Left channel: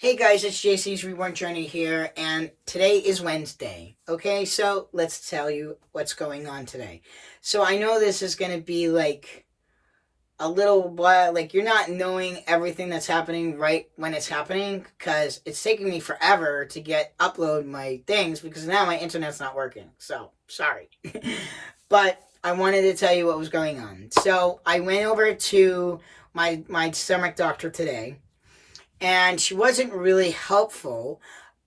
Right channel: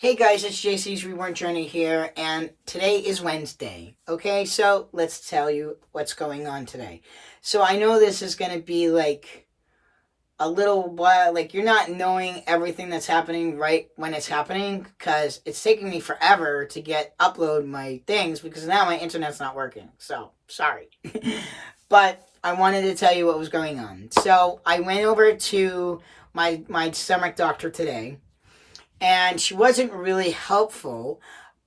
Hey guys, it's JC's Reborn Journey here, and today is Wednesday. Okay, so let's tell you what's going on today. So I know this is going to be like a little while, like you're not knowing everything that's happening right when it's happening, because it's taking me forever to upload my things because now my internet's not working. So sorry. But I wanted to tell you what was going on. So I went over to my stomach doctor today, and she wasn't really helpful,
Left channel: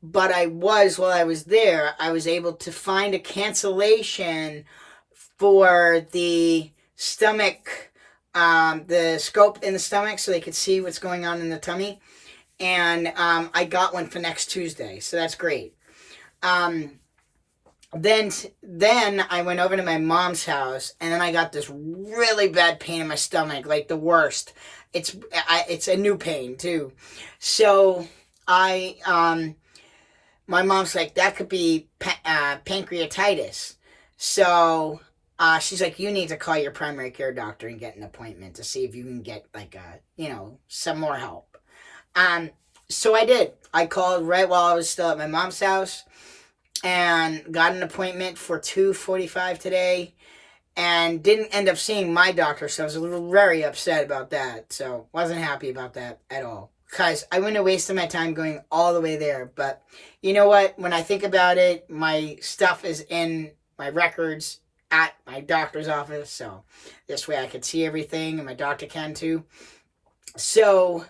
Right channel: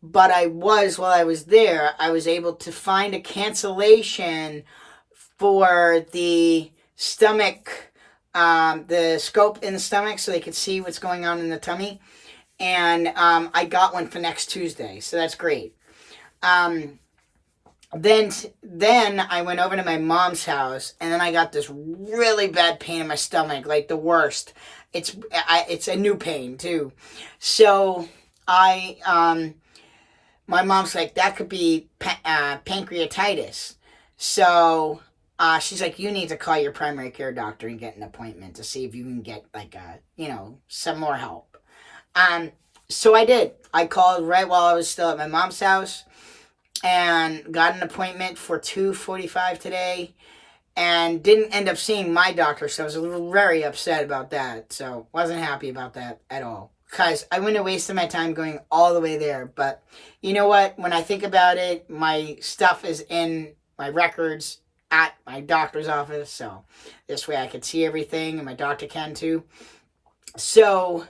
but while I was there, I was able to find a cancellation for the scope in the stomach, so they could see what's going on in the tummy. And I got one for next Tuesday, so that's great. um, then I went over to my mom's house, and then I got this really bad pain in my stomach, like the worst. It's a new pain too. So my mom's like, that could be pancreatitis. So she's like, you need to call your primary care doctor and get an appointment to see if you can get like some more help. Um, so I did. I called right while I was still at my mom's house and got an appointment for 2:45 today, and didn't end up seeing my doctor, so I was very upset about that. So wasn't happy about that at all, because I wouldn't have wasted my time going all the way there. But you know what? When I think about it, my stuff is in my records at my doctor's office, so this way I could see everything, and my doctor can too. So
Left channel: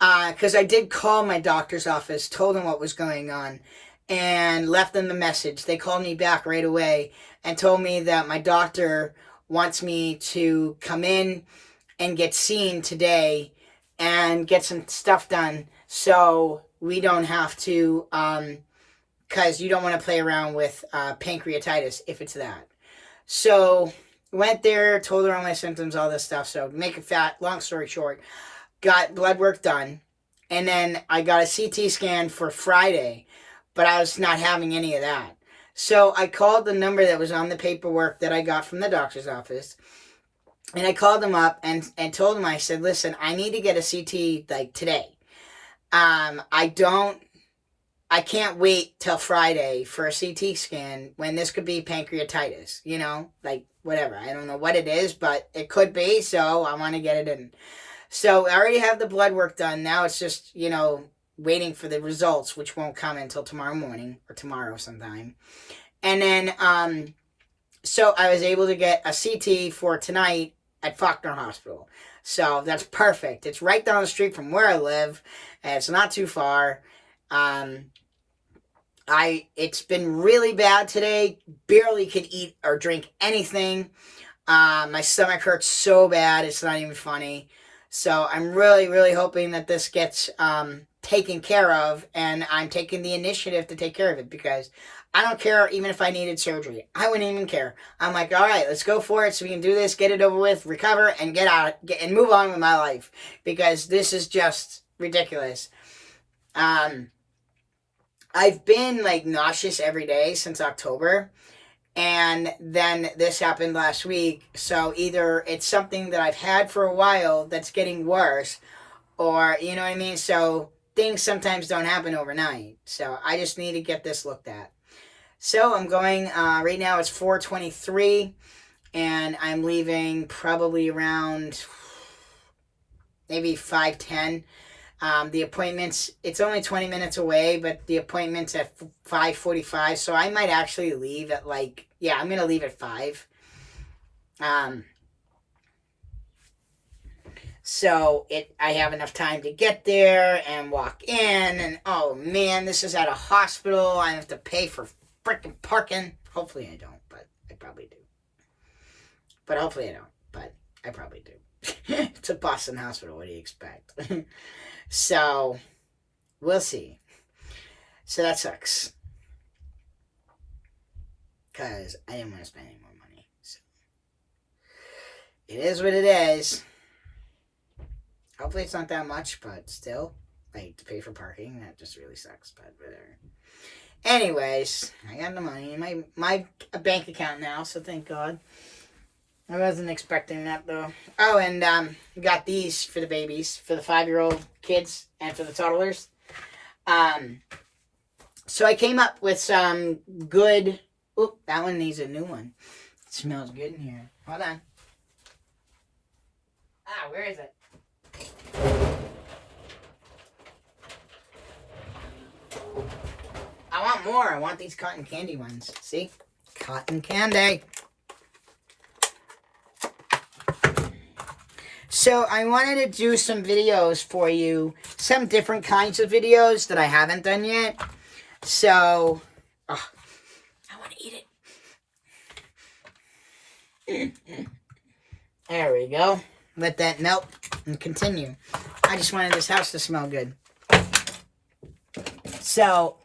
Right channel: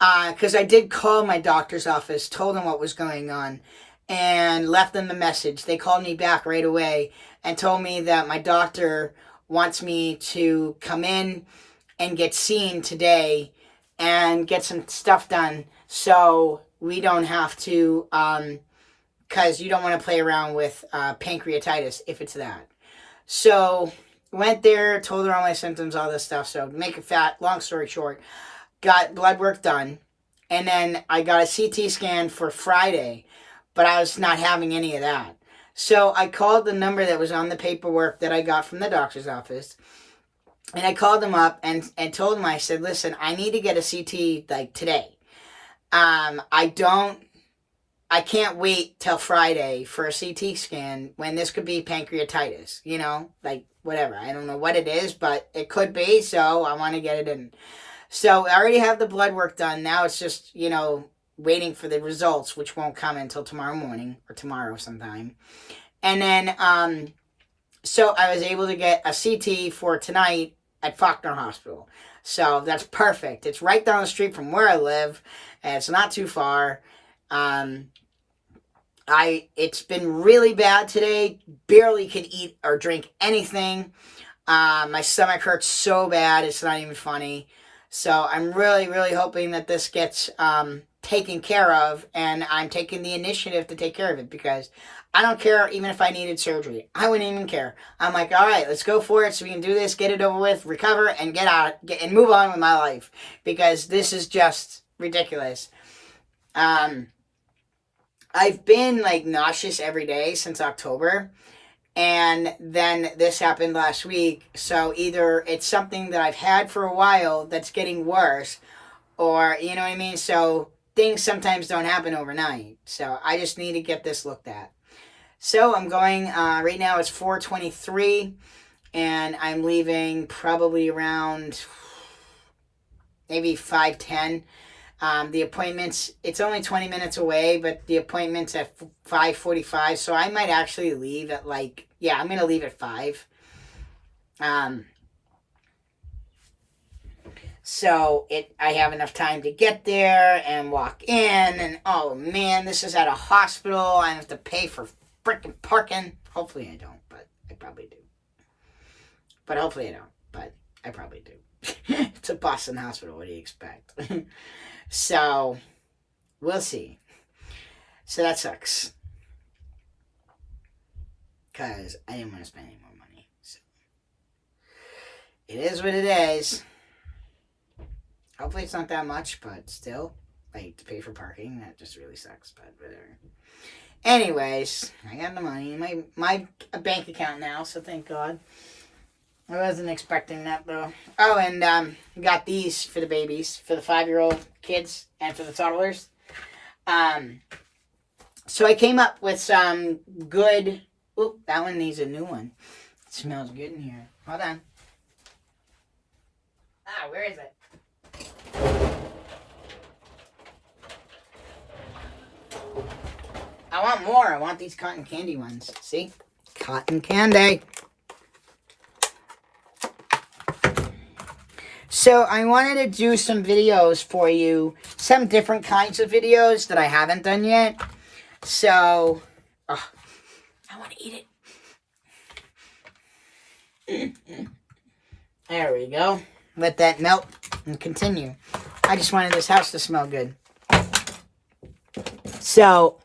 because I did call my doctor's office, told them what was going on, and left them the message. They called me back right away and told me that my doctor wants me to come in and get seen today and get some stuff done, so we don't have to, because you don't want to play around with pancreatitis if it's that. So went there, told her all my symptoms, all this stuff. So make it fat, long story short, got blood work done, and then I got a CT scan for Friday, but I was not having any of that. So I called the number that was on the paperwork that I got from the doctor's office, and I called them up and told them, I said, listen, I need to get a CT like today. I can't wait till Friday for a CT scan when this could be pancreatitis, like whatever. I don't know what it is, but it could be, so I want to get it in. So I already have the blood work done. Now it's just, waiting for the results, which won't come until tomorrow morning or tomorrow sometime. And then, so I was able to get a CT for tonight at Faulkner Hospital. So that's perfect. It's right down the street from where I live, and it's not too far. It's been really bad today. Barely could eat or drink anything. My stomach hurts so bad, it's not even funny. So I'm really, really hoping that this gets taken care of, and I'm taking the initiative to take care of it, because I don't care even if I needed surgery. I wouldn't even care. I'm like, all right, let's go for it so we can do this, get it over with, recover, and and move on with my life, because this is just ridiculous. I've been like nauseous every day since October, and then this happened last week. So either it's something that I've had for a while that's getting worse, or you know what I mean. So things sometimes don't happen overnight. So I just need to get this looked at. So I'm going. Right now it's 4:23, and I'm leaving probably around maybe 5:10. The appointment's, it's only 20 minutes away, but the appointment's at 5:45, so I might actually leave at I'm going to leave at 5. So I have enough time to get there and walk in, and oh man, this is at a hospital. I have to pay for freaking parking. Hopefully I don't, but I probably do. But hopefully I don't, but I probably do. It's a Boston hospital. What do you expect? So we'll see. So that sucks, because I didn't want to spend any more money. So it is what it is. Hopefully it's not that much, but still, like, to pay for parking, that just really sucks, but whatever. Anyways, I got the money in my bank account now, so thank God. I wasn't expecting that, though. Oh, and got these for the babies, for the 5-year-old kids and for the toddlers. So I came up with some good. Oop, that one needs a new one. It smells good in here. Hold on. Where is it? I want more. I want these cotton candy ones. See? Cotton candy. So I wanted to do some videos for you. Some different kinds of videos that I haven't done yet. So, I want to eat it. There we go. Let that melt and continue. I just wanted this house to smell good. So,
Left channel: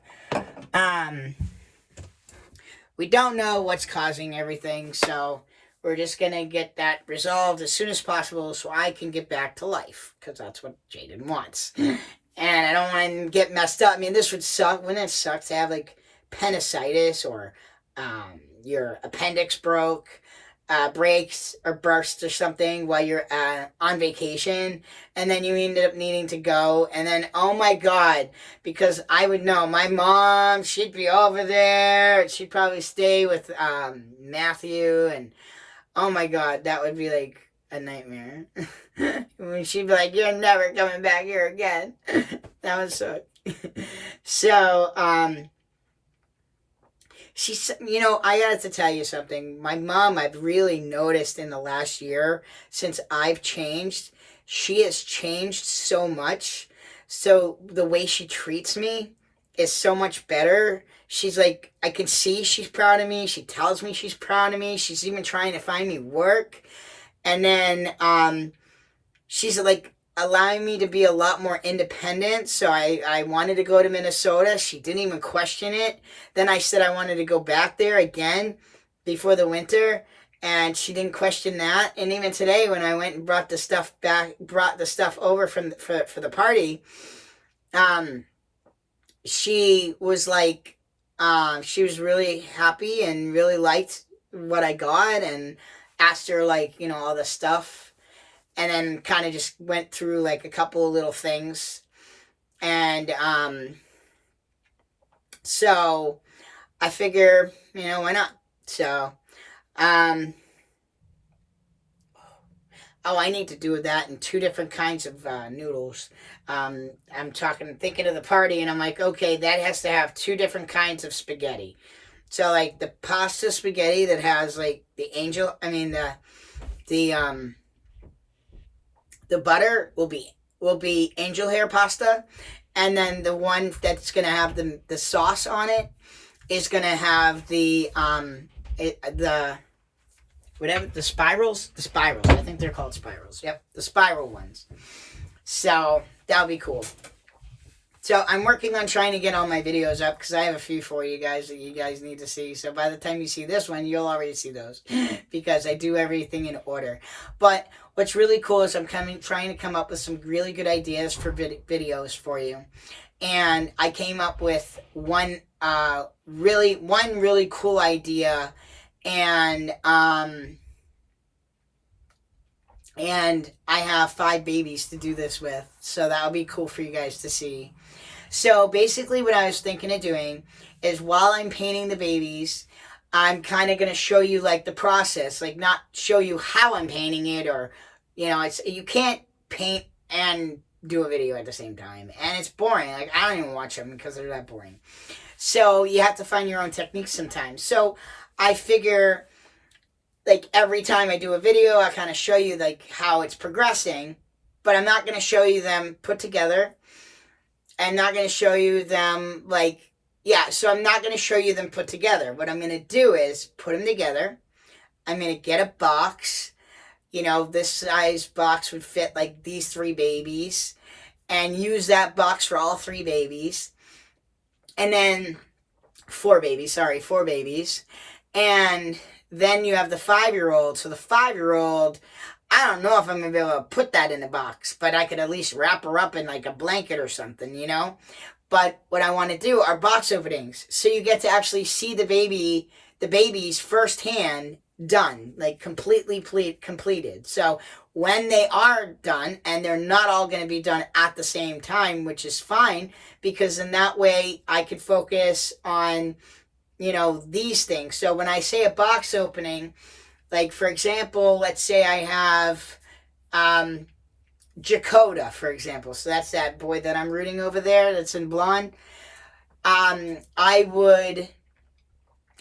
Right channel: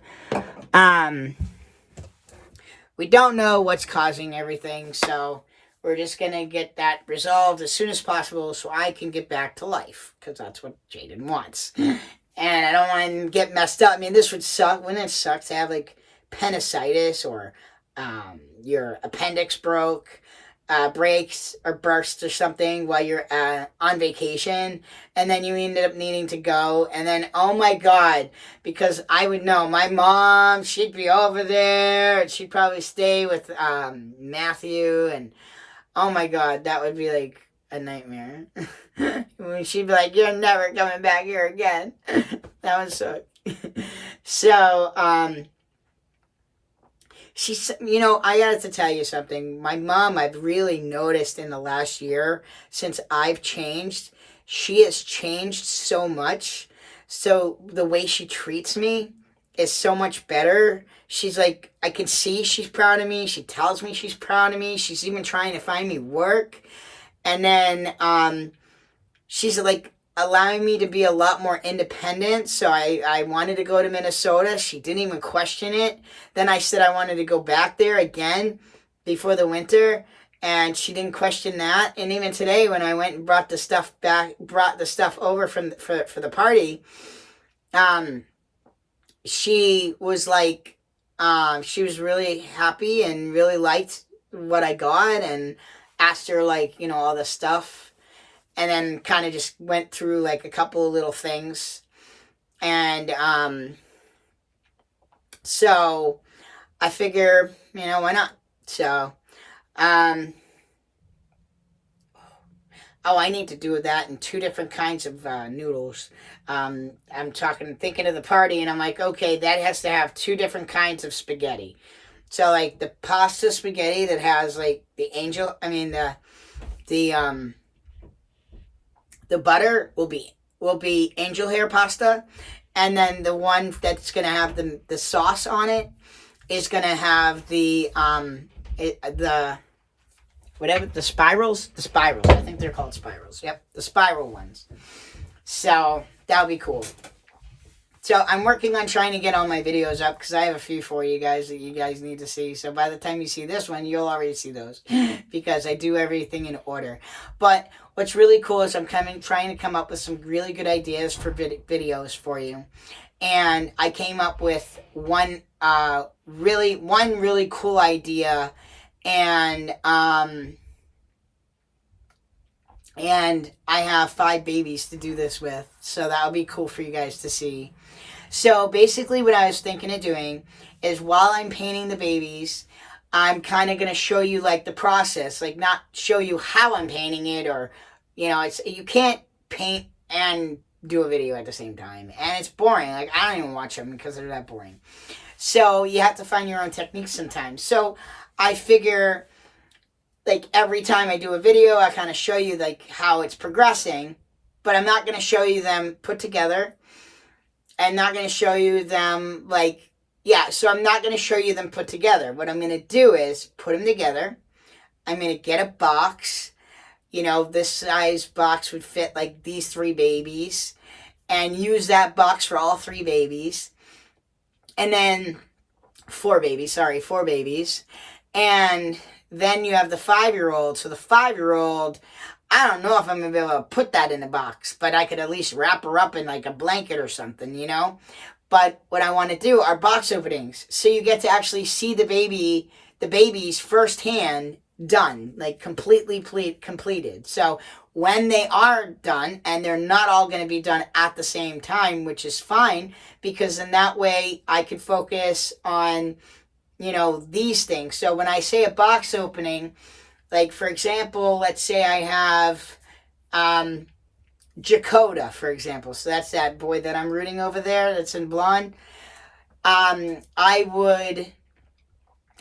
we don't know what's causing everything, so we're just going to get that resolved as soon as possible so I can get back to life, because that's what Jaden wants. And I don't want to get messed up. I mean, this would suck. Wouldn't it suck to have, like, appendicitis or your appendix breaks or bursts or something while you're on vacation, and then you ended up needing to go, and then, oh my God, because I would know, my mom, she'd be over there, and she'd probably stay with Matthew, and oh my God, that would be like a nightmare. She'd be like, you're never coming back here again. That would suck. So, she's, I got to tell you something. My mom, I've really noticed in the last year, since I've changed, she has changed so much. So the way she treats me is so much better. She's like, I can see she's proud of me. She tells me she's proud of me. She's even trying to find me work. And then she's like allowing me to be a lot more independent. So I wanted to go to Minnesota. She didn't even question it. Then I said I wanted to go back there again before the winter, and she didn't question that. And even today, when I went and brought the stuff over for the party, she was like, she was really happy and really liked what I got, and asked her, like, all the stuff, and then kind of just went through like a couple of little things. And so I figure, why not? So I need to do that in 2 different kinds of noodles. I'm thinking of the party, and I'm like, okay, that has to have 2 different kinds of spaghetti. So like the pasta spaghetti that has like the butter will be angel hair pasta, and then the one that's gonna have the sauce on it is gonna have the spirals. I think they're called spirals. Yep, the spiral ones. So that'll be cool. So I'm working on trying to get all my videos up, because I have a few for you guys that you guys need to see. So by the time you see this one, you'll already see those, because I do everything in order. But what's really cool is I'm trying to come up with some really good ideas for videos for you. And I came up with one really cool idea, and I have 5 babies to do this with, so that'll be cool for you guys to see. So basically what I was thinking of doing is, while I'm painting the babies, I'm kind of going to show you like the process, like not show you how I'm painting it, or, you can't paint and do a video at the same time, and it's boring. Like, I don't even watch them because they're that boring. So you have to find your own techniques sometimes. So I figure, like, every time I do a video, I kind of show you like how it's progressing, but I'm not going to show you them put together. I'm not going to show you them so I'm not going to show you them put together. What I'm going to do is put them together. I'm going to get a box. This size box would fit like these 3 babies, and use that box for all 3 babies. And then 4 babies. And then you have the 5-year-old. So the 5-year-old, I don't know if I'm going to be able to put that in a box, but I could at least wrap her up in like a blanket or something, But what I want to do are box openings. So you get to actually see the babies firsthand done, like completely completed. So when they are done, and they're not all going to be done at the same time, which is fine, because in that way I could focus on, these things. So when I say a box opening, like for example, let's say I have Jakoda, for example. So that's that boy that I'm rooting over there that's in blonde. I would,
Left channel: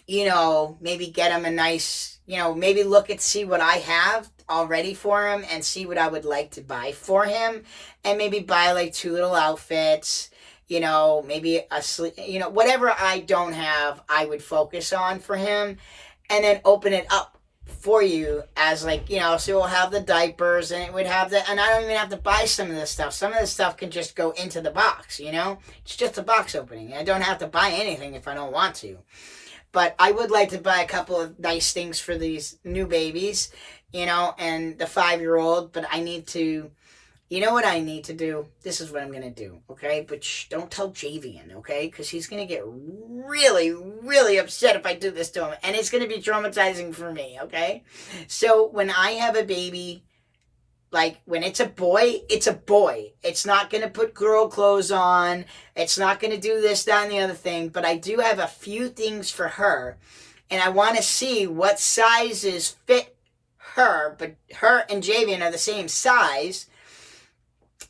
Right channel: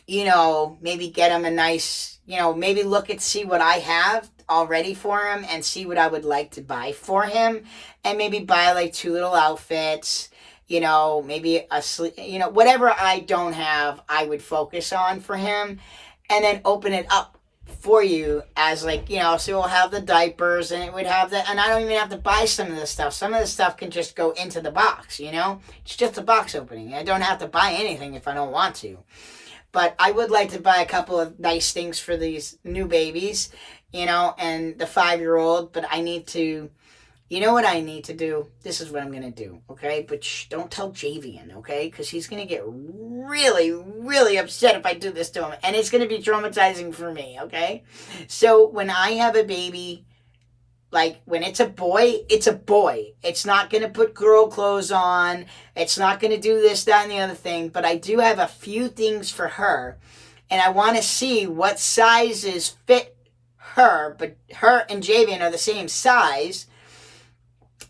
maybe get him a nice, maybe see what I have already for him and see what I would like to buy for him, and maybe buy like 2 little outfits, maybe whatever I don't have, I would focus on for him, and then open it up for you as like, so we'll have the diapers, and it would have and I don't even have to buy some of this stuff. Some of this stuff can just go into the box, it's just a box opening. I don't have to buy anything if I don't want to. But I would like to buy a couple of nice things for these new babies, and the 5-year-old, but I need to, what I need to do? This is what I'm going to do, okay? But don't tell Javian, okay? Because he's going to get really, really upset if I do this to him. And it's going to be traumatizing for me, okay? So when I have a baby, like when it's a boy, it's a boy. It's not going to put girl clothes on. It's not going to do this, that, and the other thing. But I do have a few things for her. And I want to see what sizes fit her. But her and Javian are the same size.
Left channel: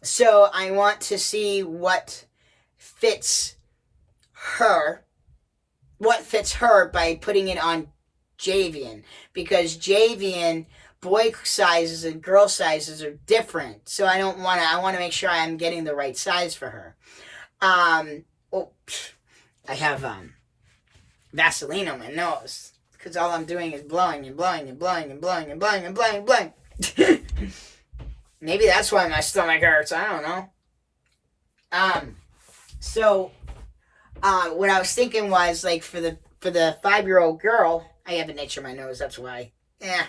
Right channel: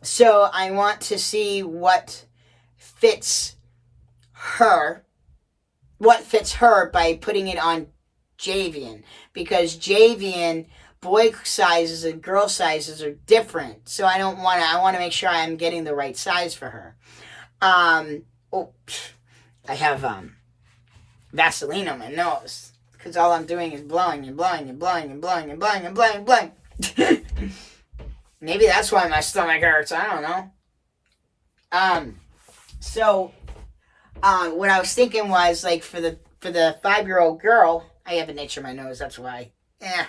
So I want to see what fits her by putting it on Javian. Because Javian, boy sizes and girl sizes are different. So I want to make sure I'm getting the right size for her. I have Vaseline on my nose. Because all I'm doing is blowing and blowing and blowing and blowing and blowing and blowing and blowing. Maybe that's why my stomach hurts. I don't know. So what I was thinking was, like, for the 5-year-old girl, I have an itch in my nose. That's why. There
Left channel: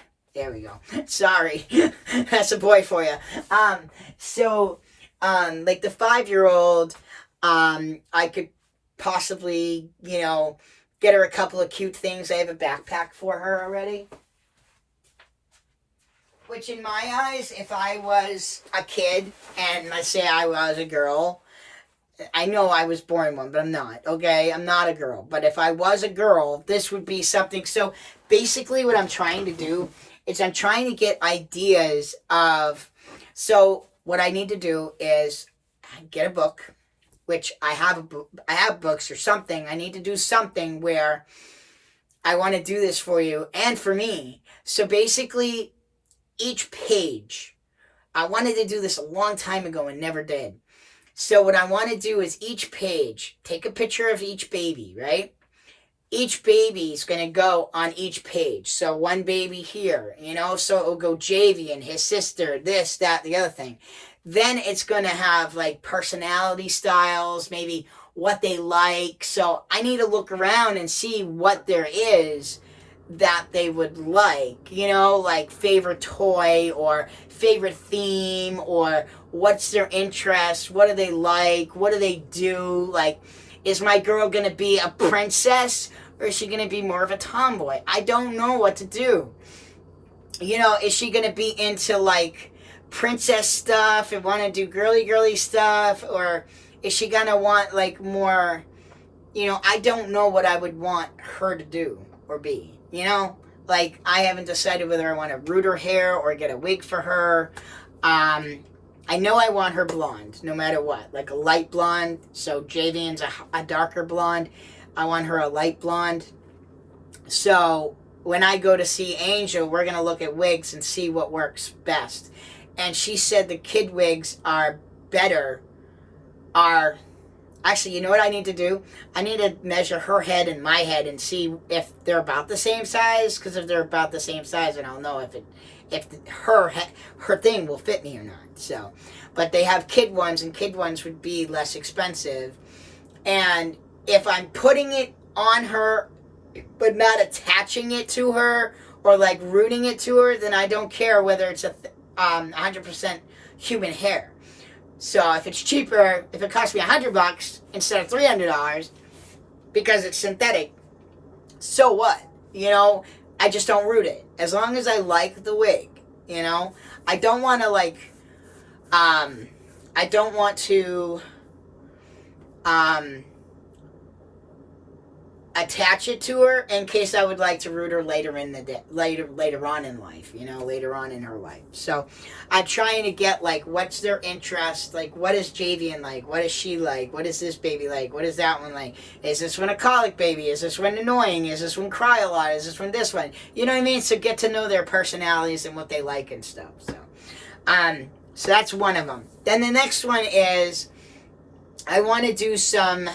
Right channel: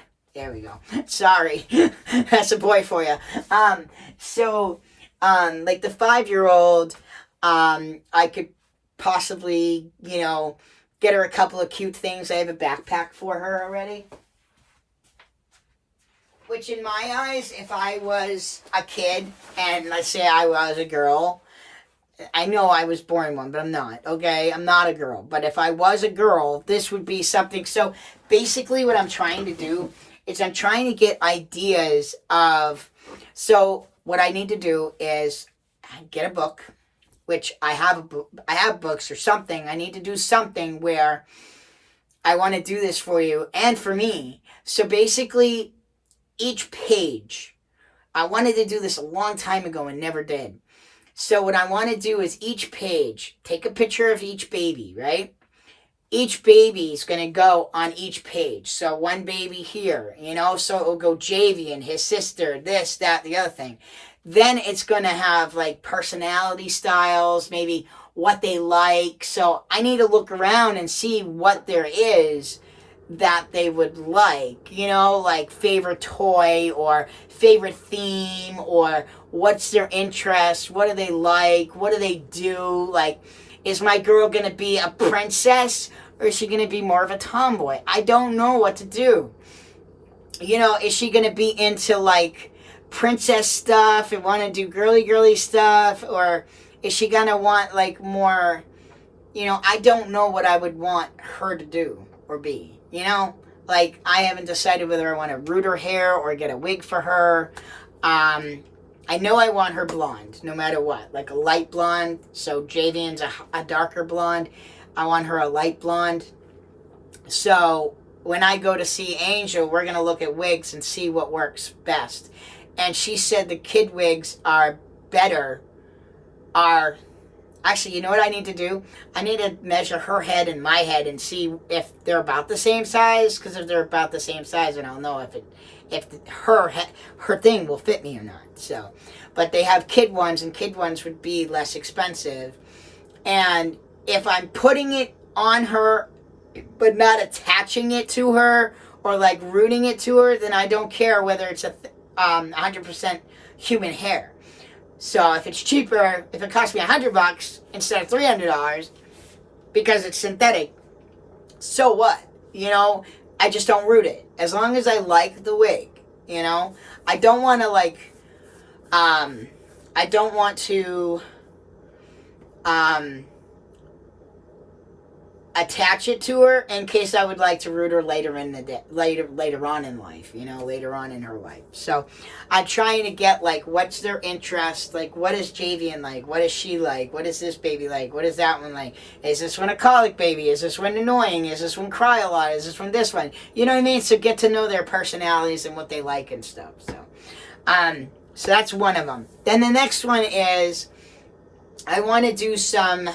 we go. Sorry. That's a boy for you. Like the 5-year-old, I could possibly, get her a couple of cute things. I have a backpack for her already. Which in my eyes, if I was a kid, and let's say I was a girl, I know I was born one, but I'm not, okay? I'm not a girl. But if I was a girl, this would be something. So basically what I'm trying to do is I'm trying to get ideas of, so what I need to do is get a book, which I have books or something. I need to do something where I want to do this for you and for me. So basically, each page, I wanted to do this a long time ago and never did. So what I want to do is each page, take a picture of each baby, right? Each baby is going to go on each page. So one baby here, so it'll go Javian, his sister, this, that, the other thing. Then it's going to have like personality styles, maybe what they like. So I need to look around and see what there is that they would like, like favorite toy or favorite theme, or what's their interest, what do they like, what do they do, like, is my girl gonna be a princess or is she gonna be more of a tomboy? I don't know what to do. Is she gonna be into like princess stuff and want to do girly stuff, or is she gonna want like more, I don't know what I would want her to do or be. Like, I haven't decided whether I want to root her hair or get a wig for her. I know I want her blonde, no matter what. Like a light blonde. So Javian's a darker blonde. I want her a light blonde. So when I go to see Angel, we're going to look at wigs and see what works best. And she said the kid wigs are better, actually, you know what I need to do? I need to measure her head and my head and see if they're about the same size. Because if they're about the same size, then I'll know if her thing will fit me or not. So, but they have kid ones, and kid ones would be less expensive. And if I'm putting it on her, but not attaching it to her or like rooting it to her, then I don't care whether it's 100% human hair. So if it's cheaper, if it costs me $100 instead of $300 because it's synthetic, so what? I just don't root it. As long as I like the wig, you know? I don't want to, like, I don't want to, attach it to her in case I would like to root her later in the day, later on in life, you know, later on in her life. So I'm trying to get, like, what's their interest, like, what is Javian like, what is she like, what is this baby like, what is that one like, is this one a colic baby, is this one annoying, is this one cry a lot, is this one this one, you know what I mean? So get to know their personalities and what they like and stuff. So that's one of them. Then the next one is I want to do some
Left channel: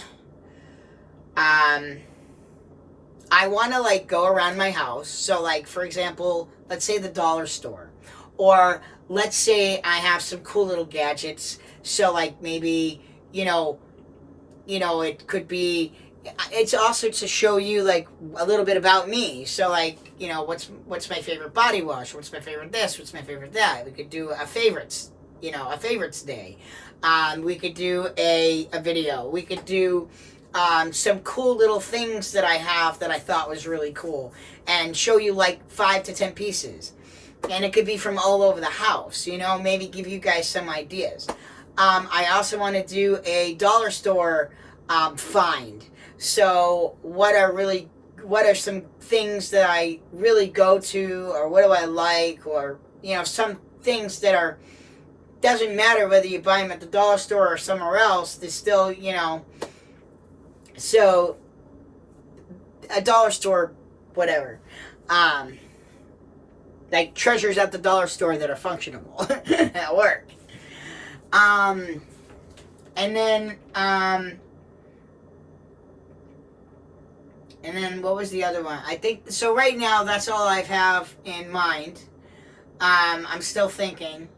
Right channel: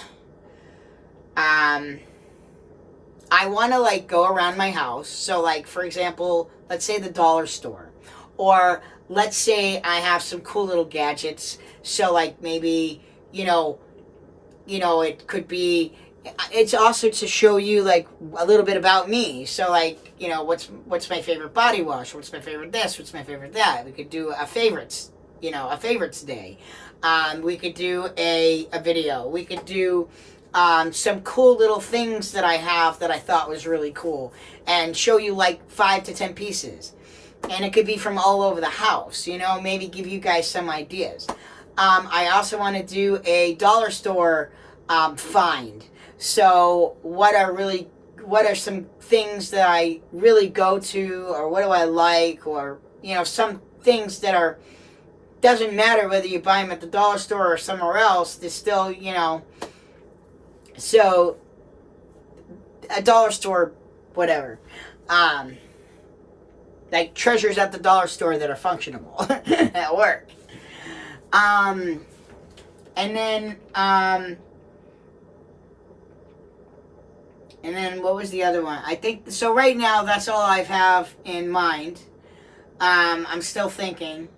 I want to, like, go around my house. So, like, for example, let's say the dollar store. Or let's say I have some cool little gadgets. So, like, maybe, you know, it could be, it's also to show you, like, a little bit about me. So, like, you know, what's my favorite body wash? What's my favorite this? What's my favorite that? We could do a favorites, you know, a favorites day. We could do a video. We could do some cool little things that I have that I thought was really cool, and show you like 5 to 10 pieces, and it could be from all over the house, you know, maybe give you guys some ideas. I also want to do a dollar store find. So what are some things that I really go to, or what do I like, or, you know, some things that are, doesn't matter whether you buy them at the dollar store or somewhere else, they're still, you know. So, a dollar store, whatever. Like treasures at the dollar store that are functional at work. And then what was the other one? I think, so right now, that's all I have in mind. I'm still thinking.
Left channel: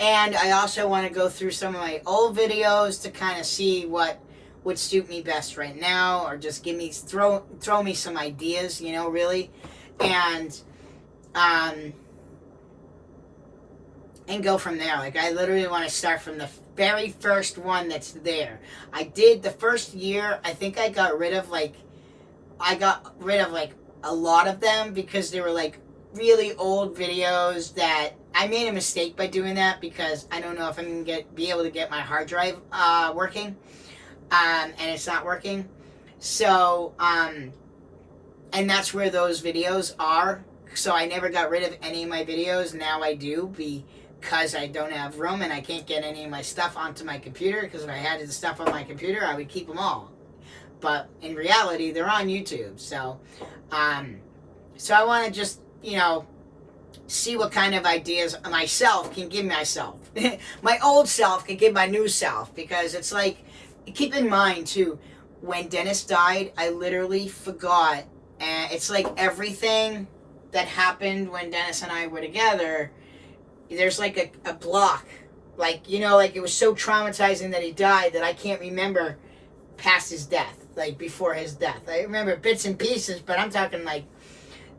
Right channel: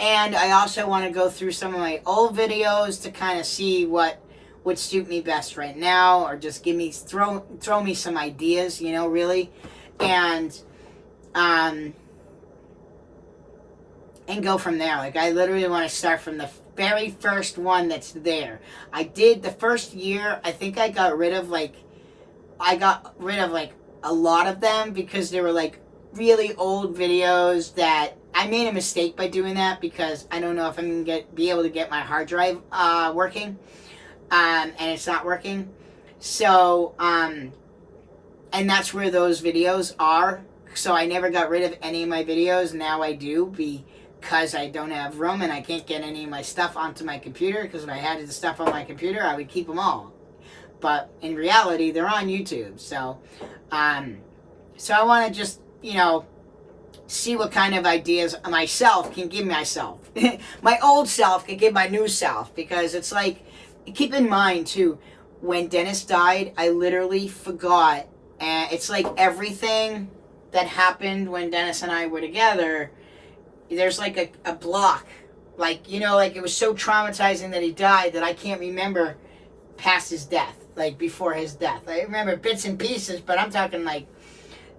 And I also want to go through some of my old videos to kind of see what would suit me best right now, or just throw me some ideas, you know, really. And go from there. Like, I literally want to start from the very first one that's there. I did the first year, I think I got rid of like a lot of them because they were like really old videos that I made a mistake by doing that, because I don't know if I'm going to be able to get my hard drive working, and it's not working. So, and that's where those videos are. So I never got rid of any of my videos. Now I do, because I don't have room and I can't get any of my stuff onto my computer, because if I had the stuff on my computer, I would keep them all. But in reality, they're on YouTube. So, so I want to just, you know, see what kind of ideas myself can give myself. My old self can give my new self, because it's like, keep in mind too, when Dennis died, I literally forgot, and it's like everything that happened when Dennis and I were together, there's like a block, like, you know, like it was so traumatizing that he died that I can't remember past his death, like before his death. I remember bits and pieces, but I'm talking like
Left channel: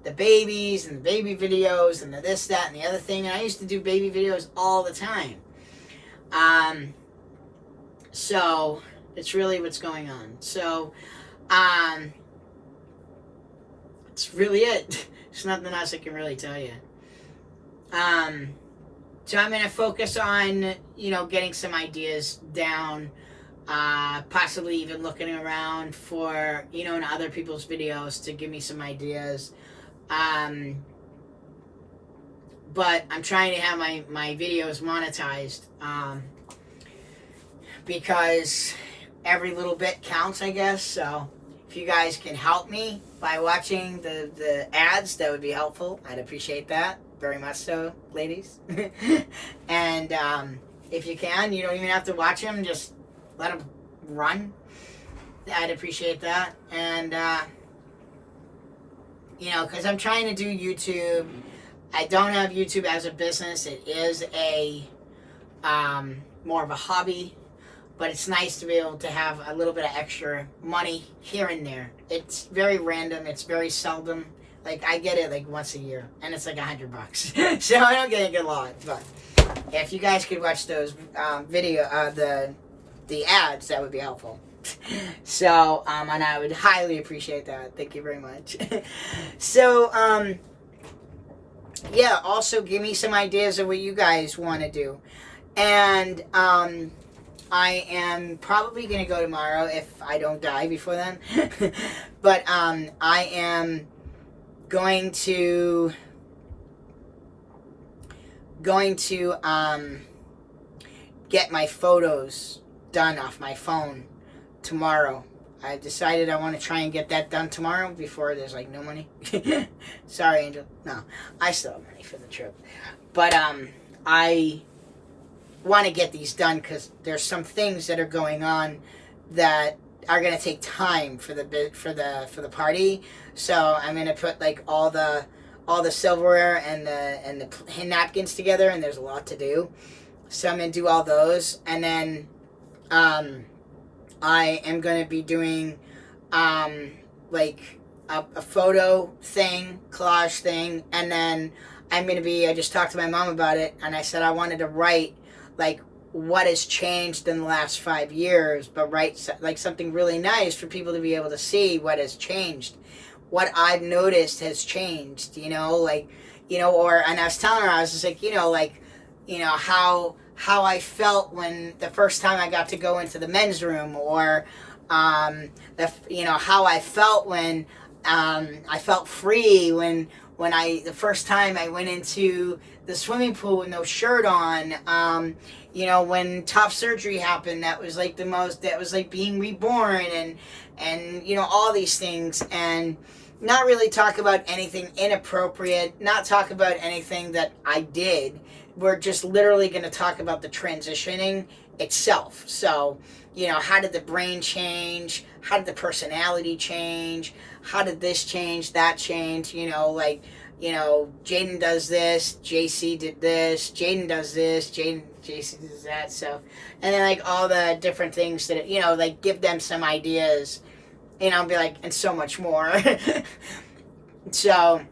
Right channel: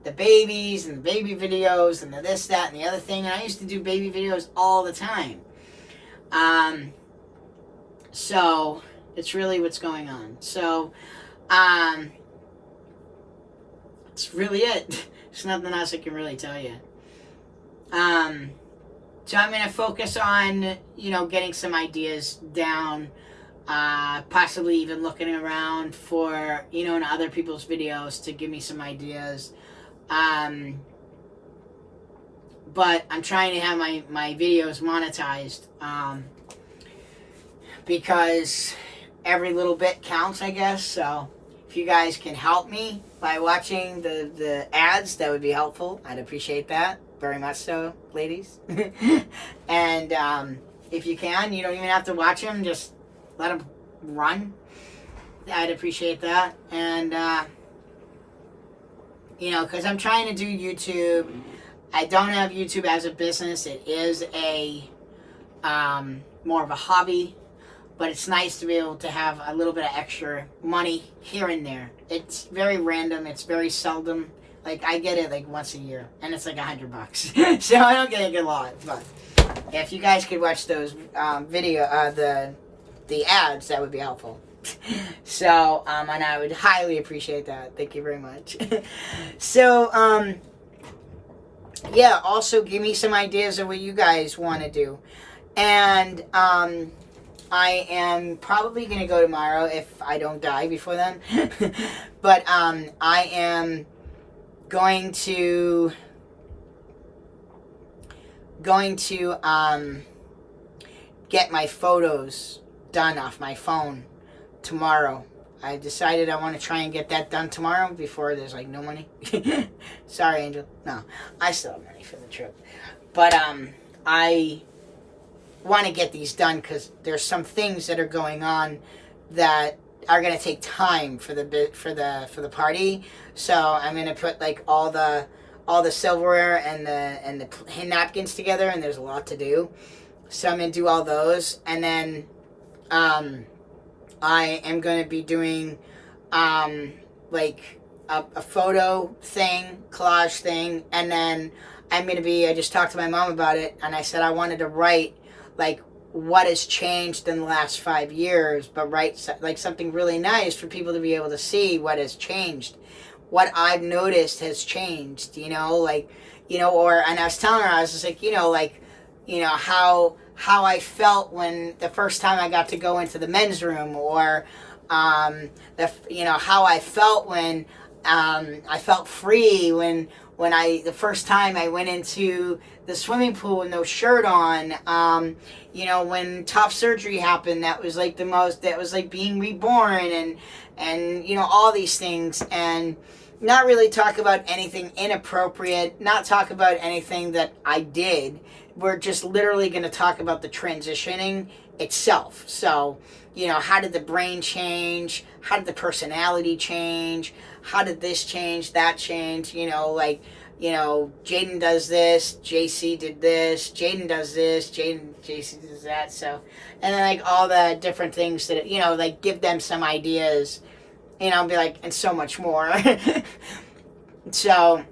the babies and the baby videos and the this, that, and the other thing. And I used to do baby videos all the time. So it's really what's going on. So, it's really it. There's nothing else I can really tell you. So I'm going to focus on, you know, getting some ideas down, possibly even looking around for, you know, in other people's videos to give me some ideas. But I'm trying to have my videos monetized, because every little bit counts, I guess. So if you guys can help me by watching the ads, that would be helpful. I'd appreciate that very much so, ladies. And if you can, you don't even have to watch them, just let them run. I'd appreciate that. And you know, because I'm trying to do YouTube. I don't have YouTube as a business. It is a more of a hobby, but it's nice to be able to have a little bit of extra money here and there. It's very random. It's very seldom. Like, I get it like once a year, and it's like $100. So I don't get a lot. But if you guys could watch those the ads, that would be helpful. So, and I would highly appreciate that. Thank you very much. So, yeah, also give me some ideas of what you guys want to do. And I am probably going to go tomorrow if I don't die before then. But I am going to get my photos done off my phone tomorrow. I decided I want to try and get that done tomorrow before there's like no money. Sorry, Angel. No, I still have money for the trip, but I want to get these done because there's some things that are going on that are gonna take time for the party. So I'm gonna put like all the silverware and the napkins together, and there's a lot to do. So I'm gonna do all those, and then I am gonna be doing like a photo thing, collage thing, and then I just talked to my mom about it, and I said I wanted to write like what has changed in the last 5 years, but write like something really nice for people to be able to see what has changed, what I've noticed has changed, or, and I was telling her, I was just like, how I felt when the first time I got to go into the men's room, or, how I felt when, I felt free the first time I went into the swimming pool with no shirt on, when top surgery happened, that was like being reborn, and all these things, and not really talk about anything inappropriate, not talk about anything that I did. We're just literally going to talk about the transitioning itself. So, how did the brain change? How did the personality change? How did this change, that change? Jaden does this, JC did this, Jaden does this, JC does that. So, and then like all the different things that, like give them some ideas, be like, and so much more. So,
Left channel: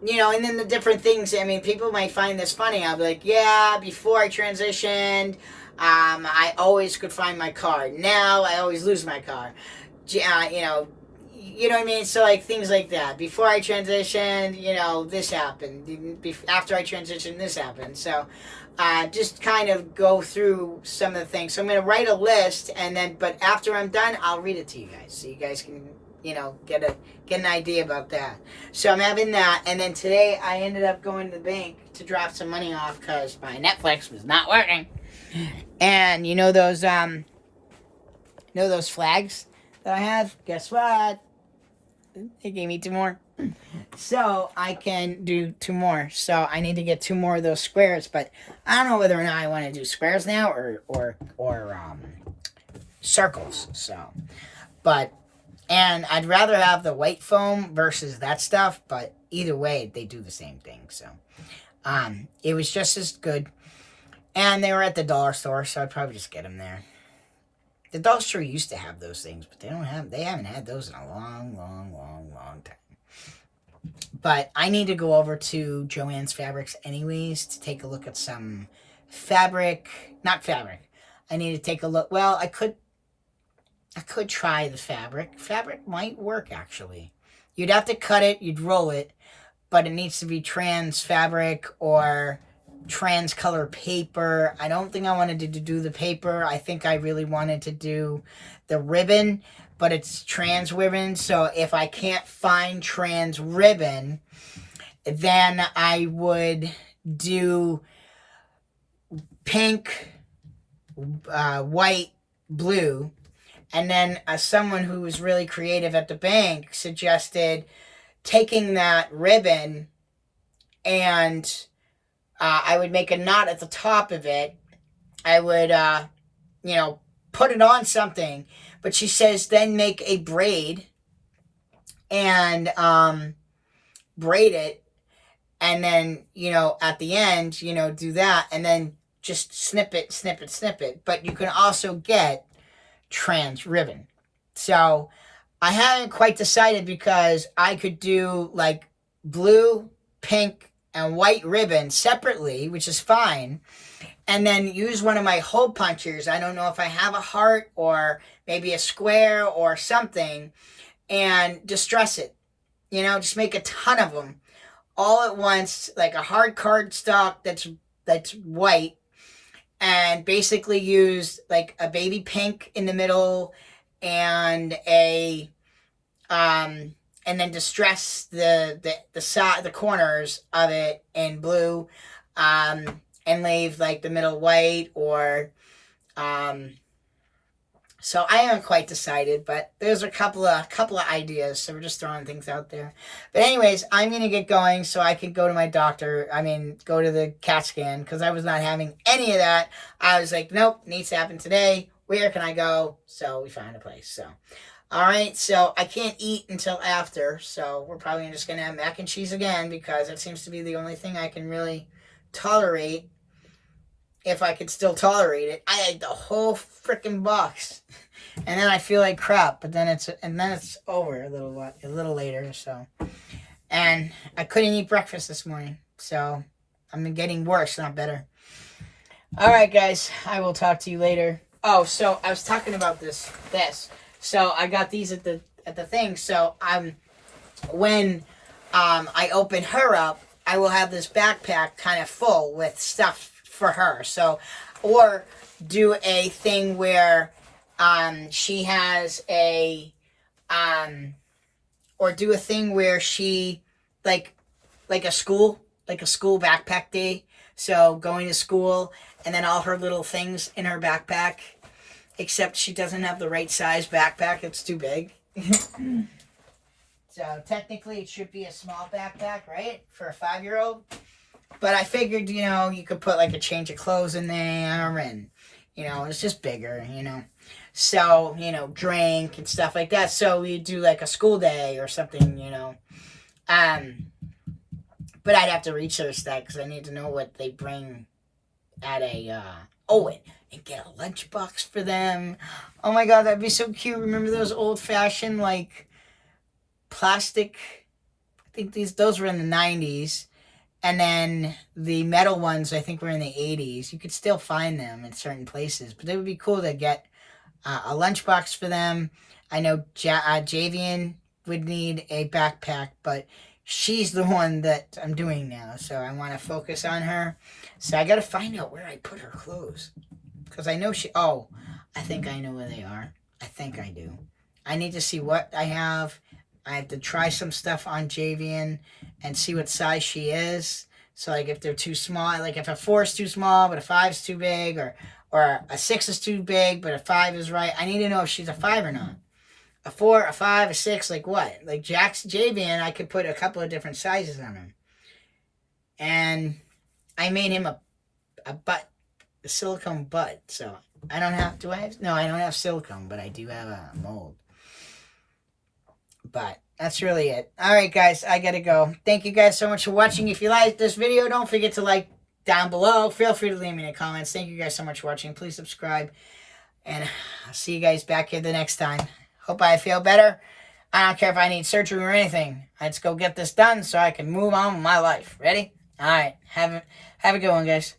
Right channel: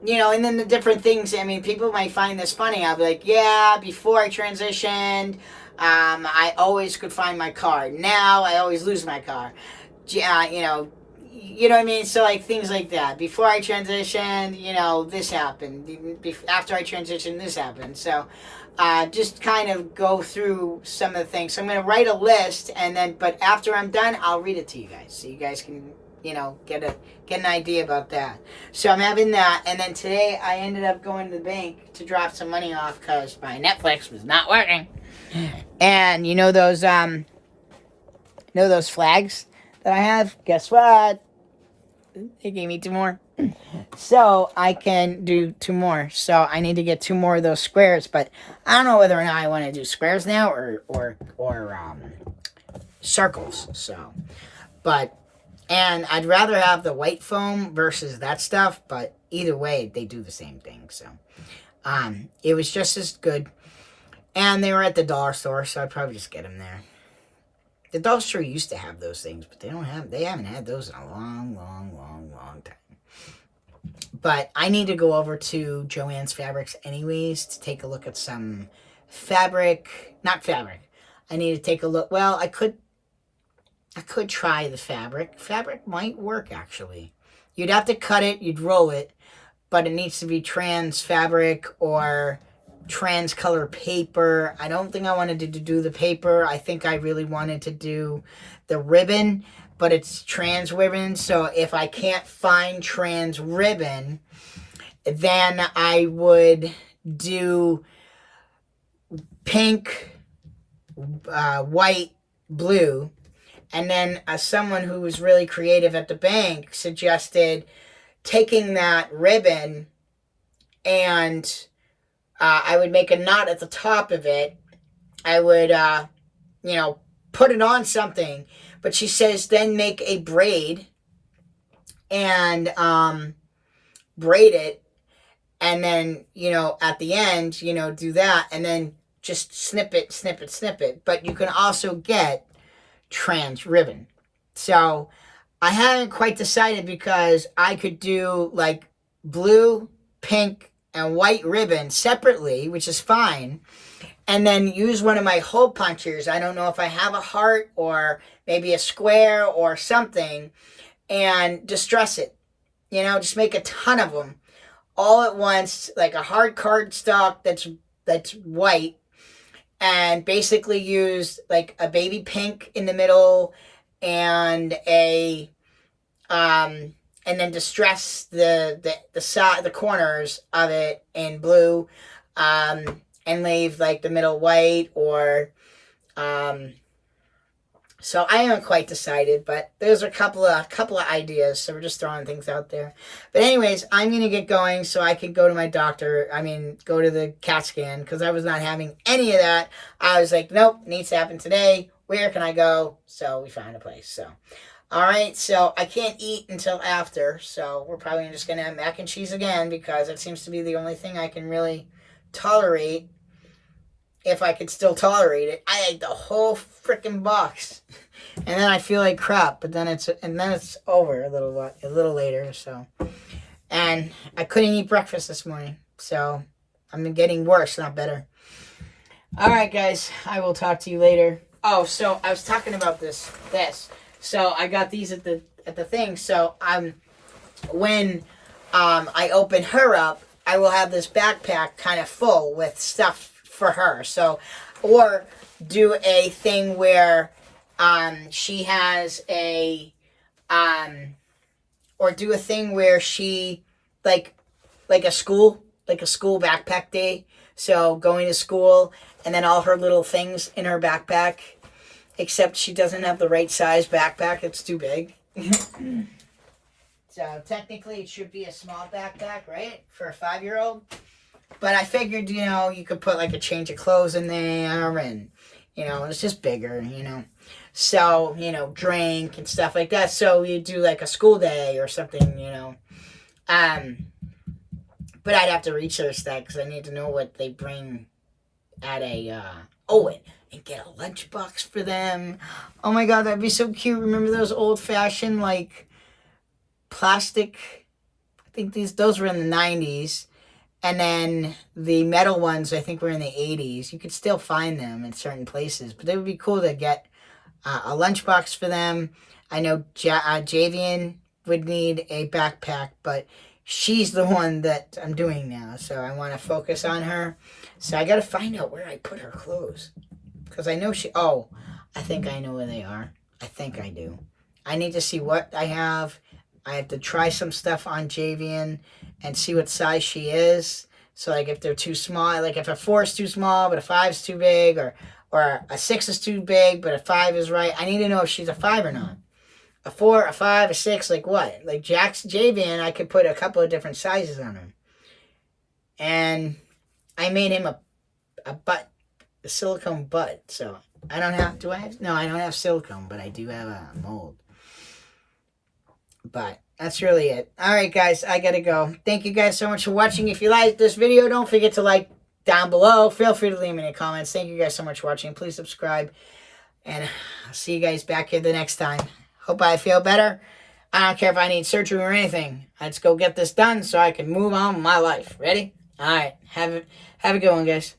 and then the different things, people might find this funny. I'll be like, yeah, before I transitioned, I always could find my car. Now I always lose my car. You know what I mean? So, like, things like that. Before I transitioned, this happened. After I transitioned, this happened. So, just kind of go through some of the things. So, I'm going to write a list, but after I'm done, I'll read it to you guys. So, you guys can, get an idea about that. So, I'm having that. And then today, I ended up going to the bank to drop some money off because my Netflix was not working. And, those flags that I have? Guess what? They gave me 2 more. So I can do 2 more. So I need to get 2 more of those squares, but I don't know whether or not I want to do squares now or circles. So, and I'd rather have the white foam versus that stuff, but either way, they do the same thing. So, it was just as good. And they were at the dollar store, so I'd probably just get them there. The dollar store used to have those things, but they haven't had those in a long, long, long, long time. But I need to go over to Joann's Fabrics anyways to take a look at some not fabric. I need to take a look. Well, I could try the fabric. Fabric might work, actually. You'd have to cut it, you'd roll it, but it needs to be trans fabric or trans color paper. I don't think I wanted to do the paper. I think I really wanted to do the ribbon, but it's trans ribbon. So if I can't find trans ribbon, then I would do pink, white, blue. And then someone who was really creative at the bank suggested taking that ribbon and I would make a knot at the top of it. I would, put it on something. But she says then make a braid and braid it. And then, at the end, do that. And then just snip it. But you can also get trans ribbon. So I haven't quite decided because I could do like blue, pink, and white ribbon separately, which is fine, and then use one of my hole punchers. I don't know if I have a heart or maybe a square or something, and distress it. Just make a ton of them all at once, like a hard cardstock that's white, and basically used like a baby pink in the middle and a and then distress the side, the corners of it in blue, and leave like the middle white, or so I haven't quite decided, but there's a couple of ideas, so we're just throwing things out there. But anyways, I'm gonna get going so I can go to my doctor. I mean, go to the CAT scan, because I was not having any of that. I was like, nope, needs to happen today. Where can I go? So we found a place. So, all right. So I can't eat until after. So we're probably just gonna have mac and cheese again, because it seems to be the only thing I can really tolerate. If I could still tolerate it, I ate the whole freaking box, and then I feel like crap. But then it's over a little later. So, and I couldn't eat breakfast this morning, so I'm getting worse, not better. All right, guys, I will talk to you later. Oh, so I was talking about this. So I got these at the thing. So when I open her up, I will have this backpack kind of full with stuff for her. So, or do a thing where she has or do a thing where she like a school backpack day. So going to school, and then all her little things in her backpack, except she doesn't have the right size backpack. It's too big. So technically it should be a small backpack, right? For a 5-year-old. But I figured, you could put like a change of clothes in there, and, it's just bigger, So, drink and stuff like that. So we do like a school day or something, But I'd have to research that, because I need to know what they bring at a, and get a lunchbox for them. Oh my God, that'd be so cute. Remember those old fashioned, like, plastic, I think those were in the 90s. And then the metal ones, I think, were in the 80s. You could still find them in certain places. But it would be cool to get a lunchbox for them. I know Javian would need a backpack, but she's the one that I'm doing now. So I want to focus on her. So I got to find out where I put her clothes. Because I know I think I know where they are. I think I do. I need to see what I have. I have to try some stuff on Javian and see what size she is. So, like, if they're too small, like if a 4 is too small, but a 5 is too big, or a 6 is too big, but a 5 is right. I need to know if she's a 5 or not. A 4, a 5, a 6, like what? Like Javian, I could put a couple of different sizes on him. And I made him a silicone butt. So, I don't have, no, I don't have silicone, but I do have a mold. But that's really it. All right, guys, I got to go. Thank you guys so much for watching. If you liked this video, don't forget to like down below. Feel free to leave me in the comments. Thank you guys so much for watching. Please subscribe. And I'll see you guys back here the next time. Hope I feel better. I don't care if I need surgery or anything. Let's go get this done so I can move on with my life. Ready? All right. Have a good one, guys.